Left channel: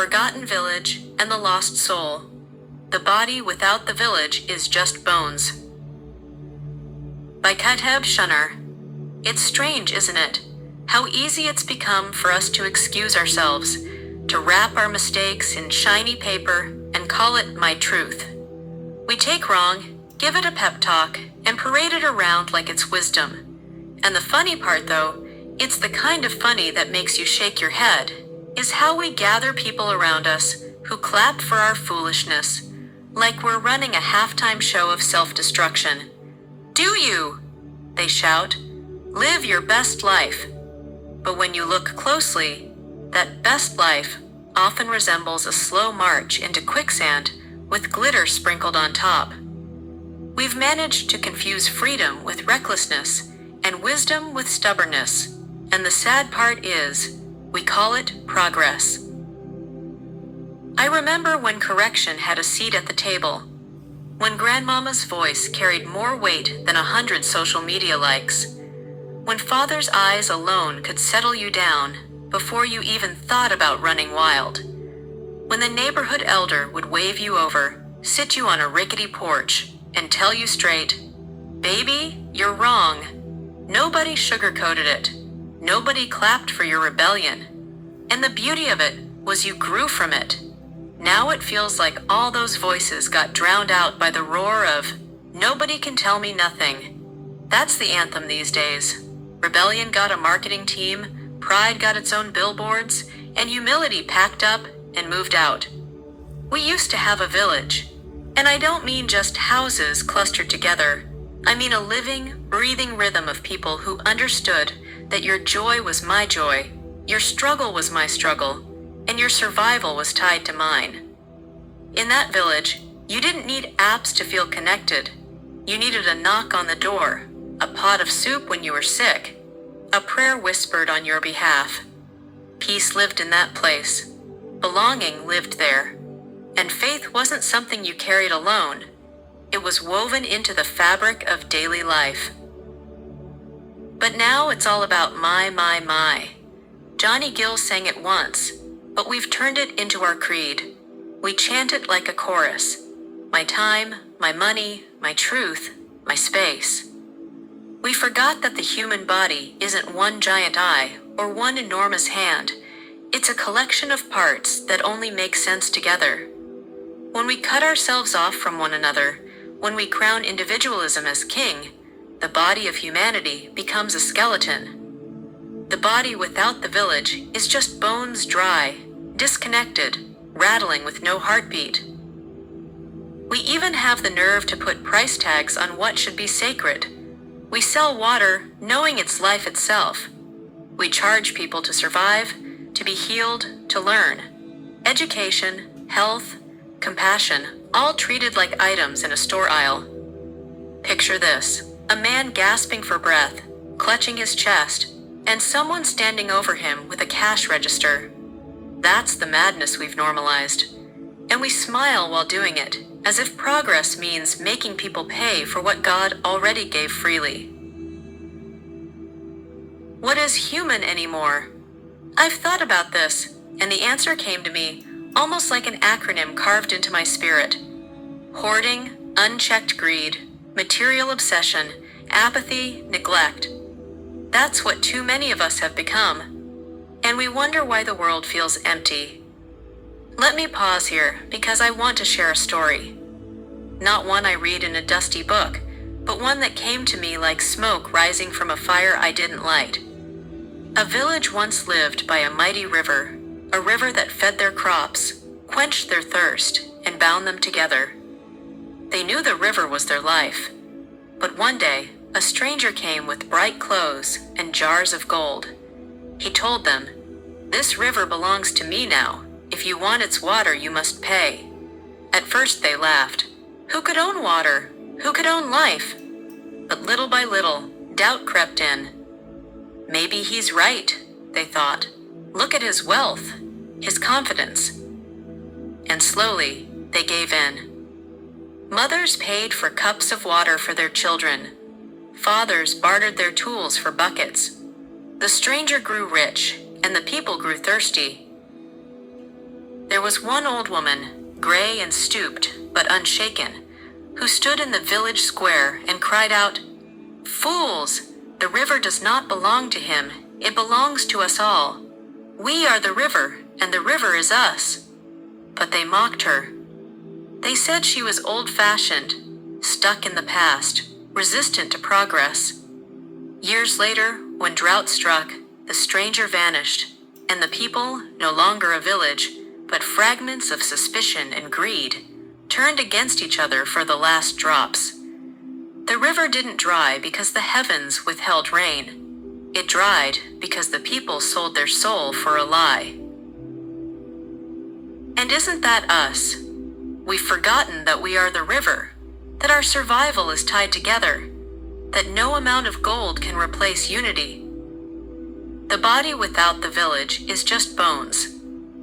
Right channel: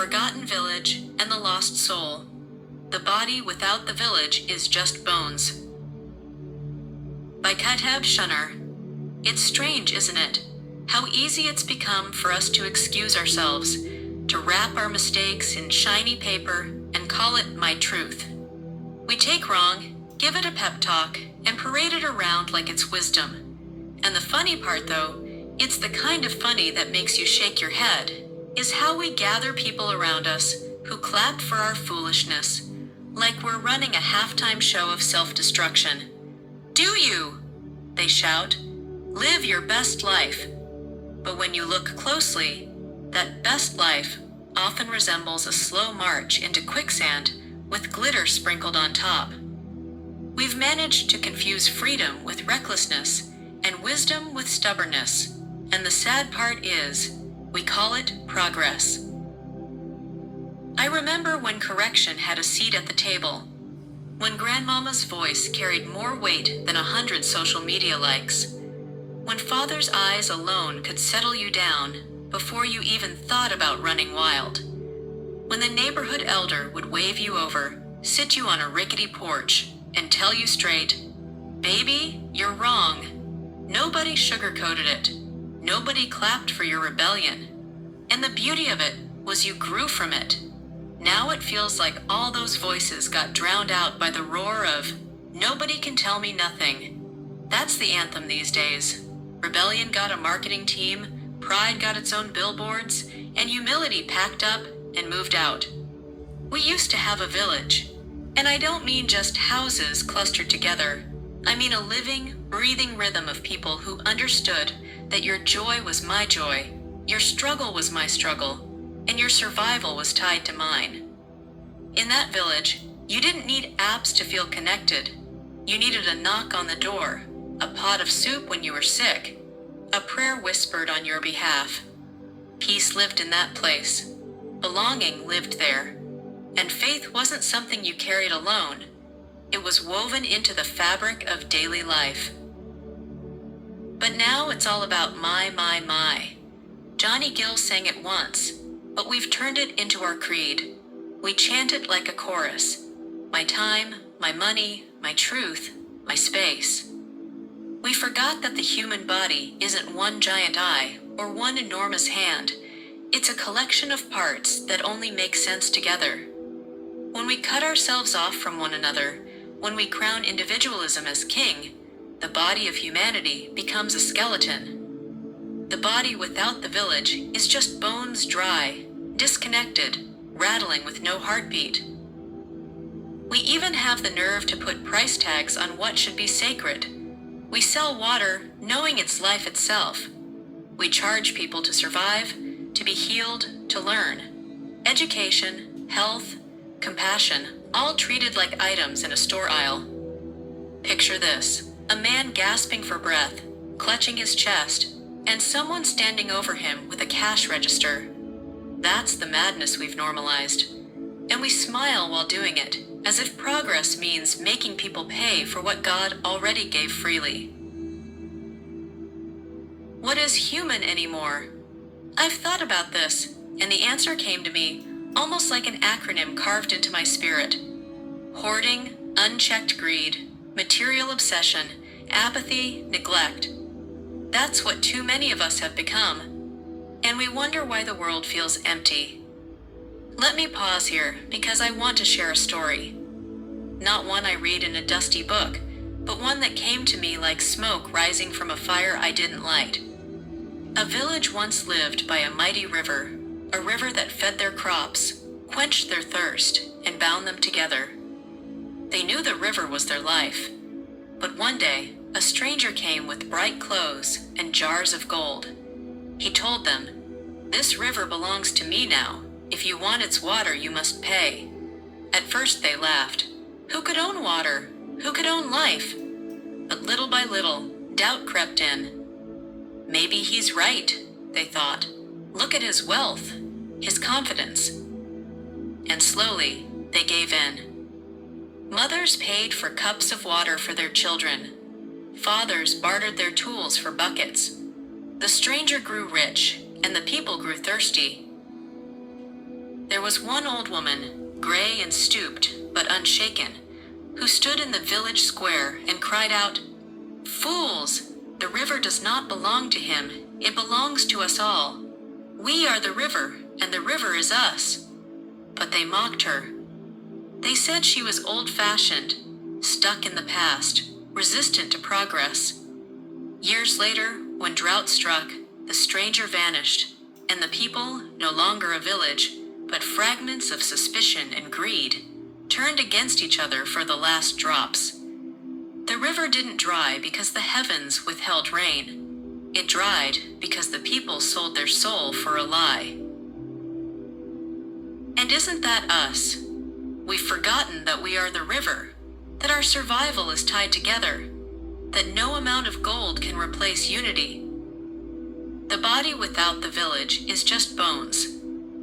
Forgotten Village and the Lost Soul. The Body Without the Village is Just Bones. By Kateb Shunar. It's strange, isn't it? How easy it's become for us to excuse ourselves, to wrap our mistakes in shiny paper and call it my truth. We take wrong, give it a pep talk, and parade it around like it's wisdom. And the funny part, though, it's the kind of funny that makes you shake your head, is how we gather people around us who clap for our foolishness, like we're running a halftime show of self-destruction. Do you? They shout. Live your best life. But when you look closely, that best life often resembles a slow march into quicksand with glitter sprinkled on top. We've managed to confuse freedom with recklessness and wisdom with stubbornness, and the sad part is, we call it progress. I remember when correction had a seat at the table, when Grandmama's voice carried more weight than 100 social media likes, when Father's eyes alone could settle you down before you even thought about running wild, when the neighborhood elder would wave you over, sit you on a rickety porch, and tell you straight, "Baby, you're wrong." Nobody sugarcoated it. Nobody clapped for your rebellion. And the beauty of it was you grew from it. Now it feels like all those voices got drowned out by the roar of, "Nobody can tell me nothing." That's the anthem these days. Rebellion got a marketing team, pride got its own billboards, and humility packed up and moved out. We used to have a village. And I don't mean just houses clustered together. I mean a living, breathing rhythm of people who understood that your joy was my joy, your struggle was my struggle, and your survival was tied to mine. In that village, you didn't need apps to feel connected. You needed a knock on the door, a pot of soup when you were sick, a prayer whispered on your behalf. Peace lived in that place. Belonging lived there. And faith wasn't something you carried alone. It was woven into the fabric of daily life. But now it's all about my. Johnny Gill sang it once, but we've turned it into our creed. We chant it like a chorus. My time, my money, my truth, my space. We forgot that the human body isn't one giant eye or one enormous hand. It's a collection of parts that only make sense together. When we cut ourselves off from one another, when we crown individualism as king, the body of humanity becomes a skeleton. The body without the village is just bones dry, disconnected, rattling with no heartbeat. We even have the nerve to put price tags on what should be sacred. We sell water knowing it's life itself. We charge people to survive, to be healed, to learn. Education, health, compassion, all treated like items in a store aisle. Picture this, a man gasping for breath, clutching his chest, and someone standing over him with a cash register. That's the madness we've normalized. And we smile while doing it, as if progress means making people pay for what God already gave freely. What is human anymore? I've thought about this, and the answer came to me almost like an acronym carved into my spirit. Hoarding, unchecked greed, material obsession, apathy, neglect. That's what too many of us have become. And we wonder why the world feels empty. Let me pause here because I want to share a story. Not one I read in a dusty book, but one that came to me like smoke rising from a fire I didn't light. A village once lived by a mighty river, a river that fed their crops, quenched their thirst, and bound them together. They knew the river was their life. But one day, a stranger came with bright clothes and jars of gold. He told them, "This river belongs to me now. If you want its water, you must pay." At first they laughed. Who could own water? Who could own life? But little by little, doubt crept in. Maybe he's right, they thought. Look at his wealth, his confidence. And slowly, they gave in. Mothers paid for cups of water for their children. Fathers bartered their tools for buckets. The stranger grew rich, and the people grew thirsty. There was one old woman, gray and stooped, but unshaken, who stood in the village square and cried out, "Fools! The river does not belong to him. It belongs to us all. We are the river, and the river is us." But they mocked her. They said she was old-fashioned, stuck in the past, resistant to progress. Years later, when drought struck, the stranger vanished, and the people, no longer a village, but fragments of suspicion and greed, turned against each other for the last drops. The river didn't dry because the heavens withheld rain. It dried because the people sold their soul for a lie. And isn't that us? We've forgotten that we are the river, that our survival is tied together, that no amount of gold can replace unity. The body without the village is just bones,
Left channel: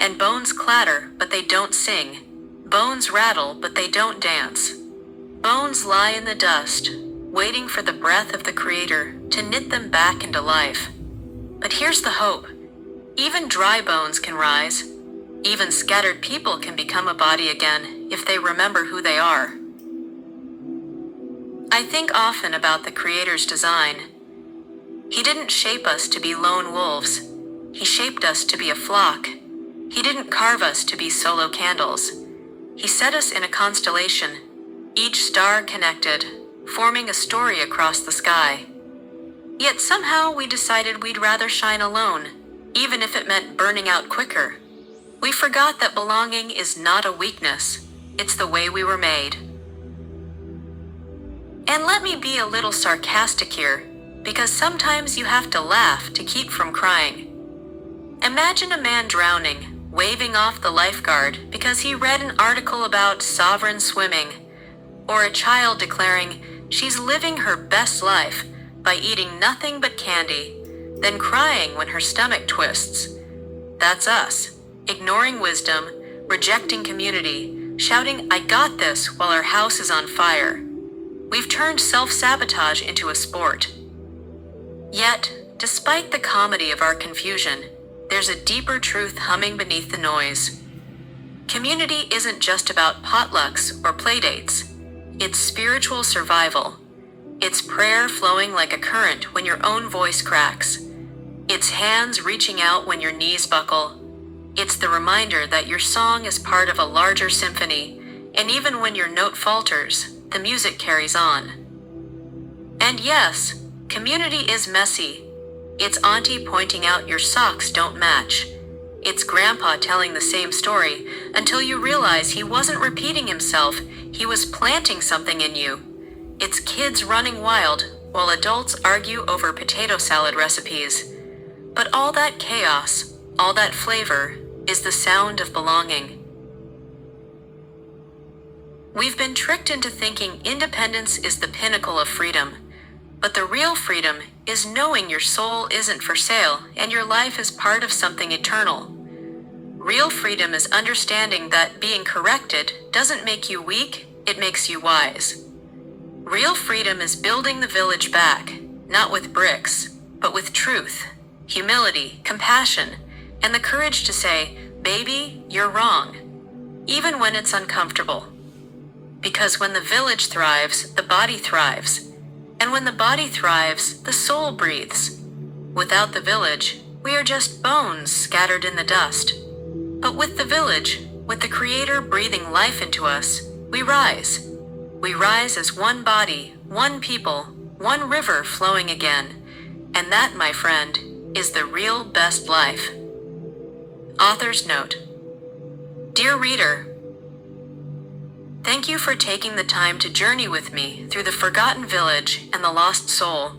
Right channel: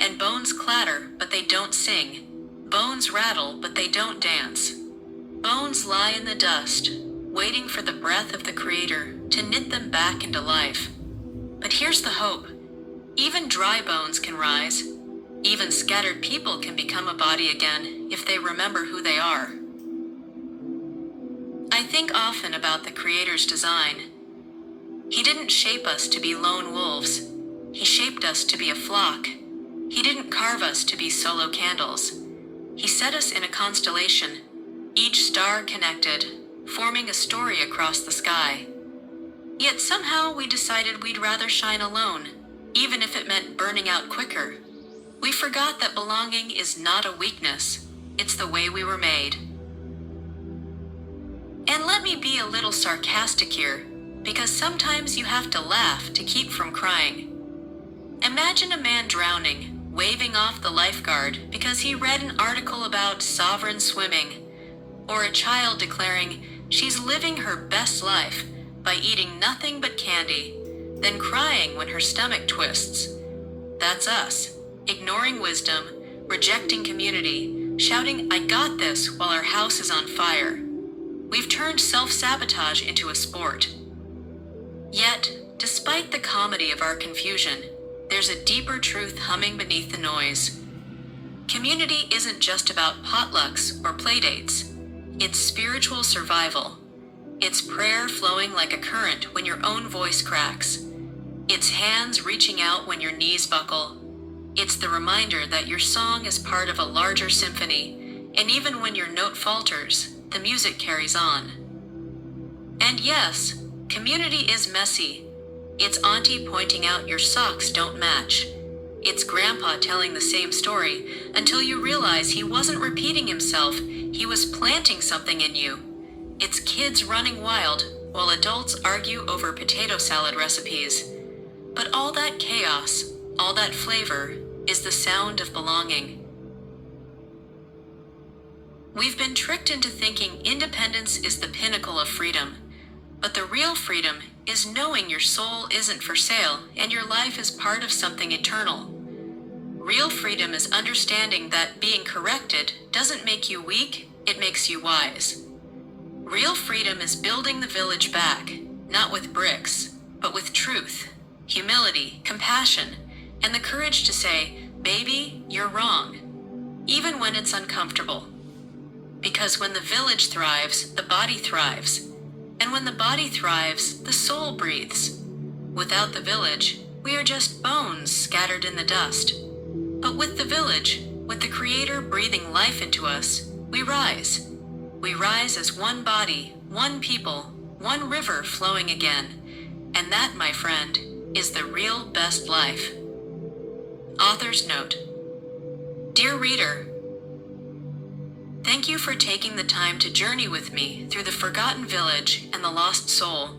and bones clatter, but they don't sing. Bones rattle, but they don't dance. Bones lie in the dust, waiting for the breath of the Creator to knit them back into life. But here's the hope. Even dry bones can rise. Even scattered people can become a body again if they remember who they are. I think often about the Creator's design. He didn't shape us to be lone wolves. He shaped us to be a flock. He didn't carve us to be solo candles. He set us in a constellation, each star connected, forming a story across the sky. Yet somehow we decided we'd rather shine alone, even if it meant burning out quicker. We forgot that belonging is not a weakness, it's the way we were made. And let me be a little sarcastic here, because sometimes you have to laugh to keep from crying. Imagine a man drowning, waving off the lifeguard because he read an article about sovereign swimming, or a child declaring she's living her best life by eating nothing but candy, then crying when her stomach twists. That's us, ignoring wisdom, rejecting community, shouting, "I got this," while our house is on fire. We've turned self-sabotage into a sport. Yet, despite the comedy of our confusion, there's a deeper truth humming beneath the noise. Community isn't just about potlucks or playdates. It's spiritual survival. It's prayer flowing like a current when your own voice cracks. It's hands reaching out when your knees buckle. It's the reminder that your song is part of a larger symphony, and even when your note falters, the music carries on. And yes, community is messy. It's auntie pointing out your socks don't match. It's grandpa telling the same story until you realize he wasn't repeating himself, he was planting something in you. It's kids running wild while adults argue over potato salad recipes. But all that chaos, all that flavor, is the sound of belonging. We've been tricked into thinking independence is the pinnacle of freedom. But the real freedom is knowing your soul isn't for sale and your life is part of something eternal. Real freedom is understanding that being corrected doesn't make you weak, it makes you wise. Real freedom is building the village back, not with bricks, but with truth, humility, compassion, and the courage to say, "Baby, you're wrong," even when it's uncomfortable. Because when the village thrives, the body thrives. And when the body thrives, the soul breathes. Without the village, we are just bones scattered in the dust. But with the village, with the Creator breathing life into us, we rise. We rise as one body, one people, one river flowing again. And that, my friend, is the real best life. Author's note. Dear reader, thank you for taking the time to journey with me through the forgotten village and the lost soul.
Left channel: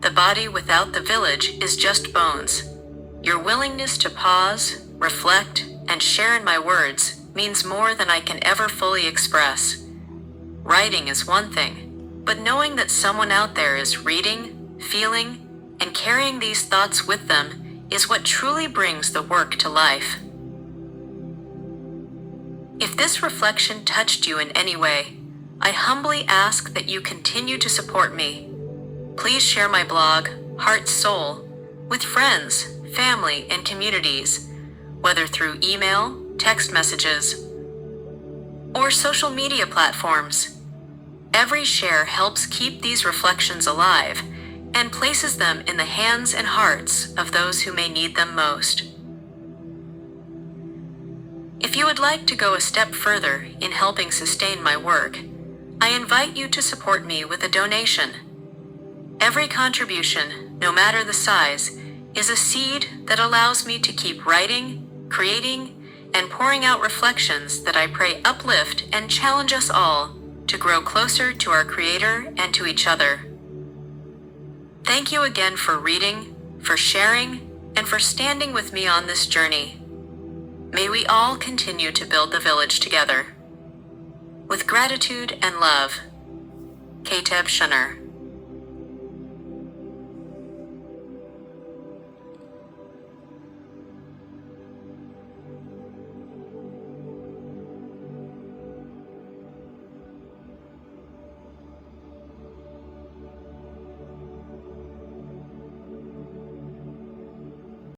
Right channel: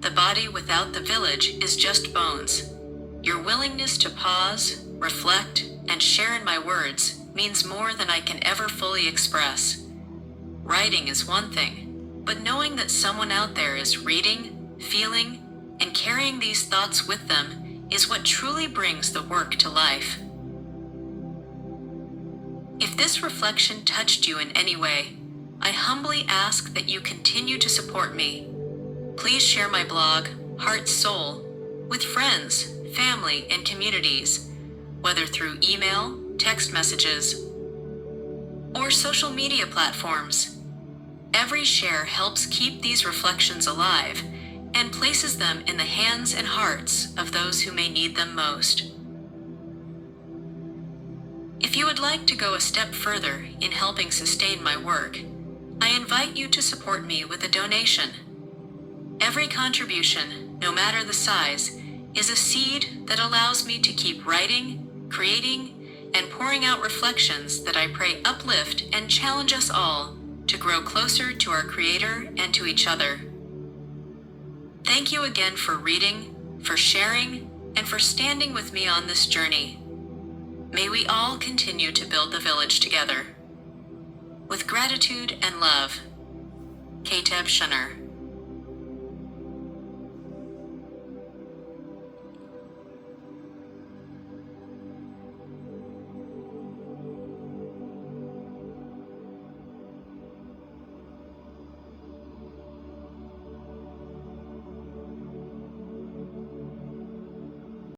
The body without the village is just bones. Your willingness to pause, reflect, and share in my words means more than I can ever fully express. Writing is one thing, but knowing that someone out there is reading, feeling, and carrying these thoughts with them is what truly brings the work to life. If this reflection touched you in any way, I humbly ask that you continue to support me. Please share my blog, Heart Soul, with friends, family, and communities, whether through email, text messages, or social media platforms. Every share helps keep these reflections alive and places them in the hands and hearts of those who may need them most. If you would like to go a step further in helping sustain my work, I invite you to support me with a donation. Every contribution, no matter the size, is a seed that allows me to keep writing, creating, and pouring out reflections that I pray uplift and challenge us all to grow closer to our Creator and to each other. Thank you again for reading, for sharing, and for standing with me on this journey. May we all continue to build the village together. With gratitude and love, Kateb Shunner.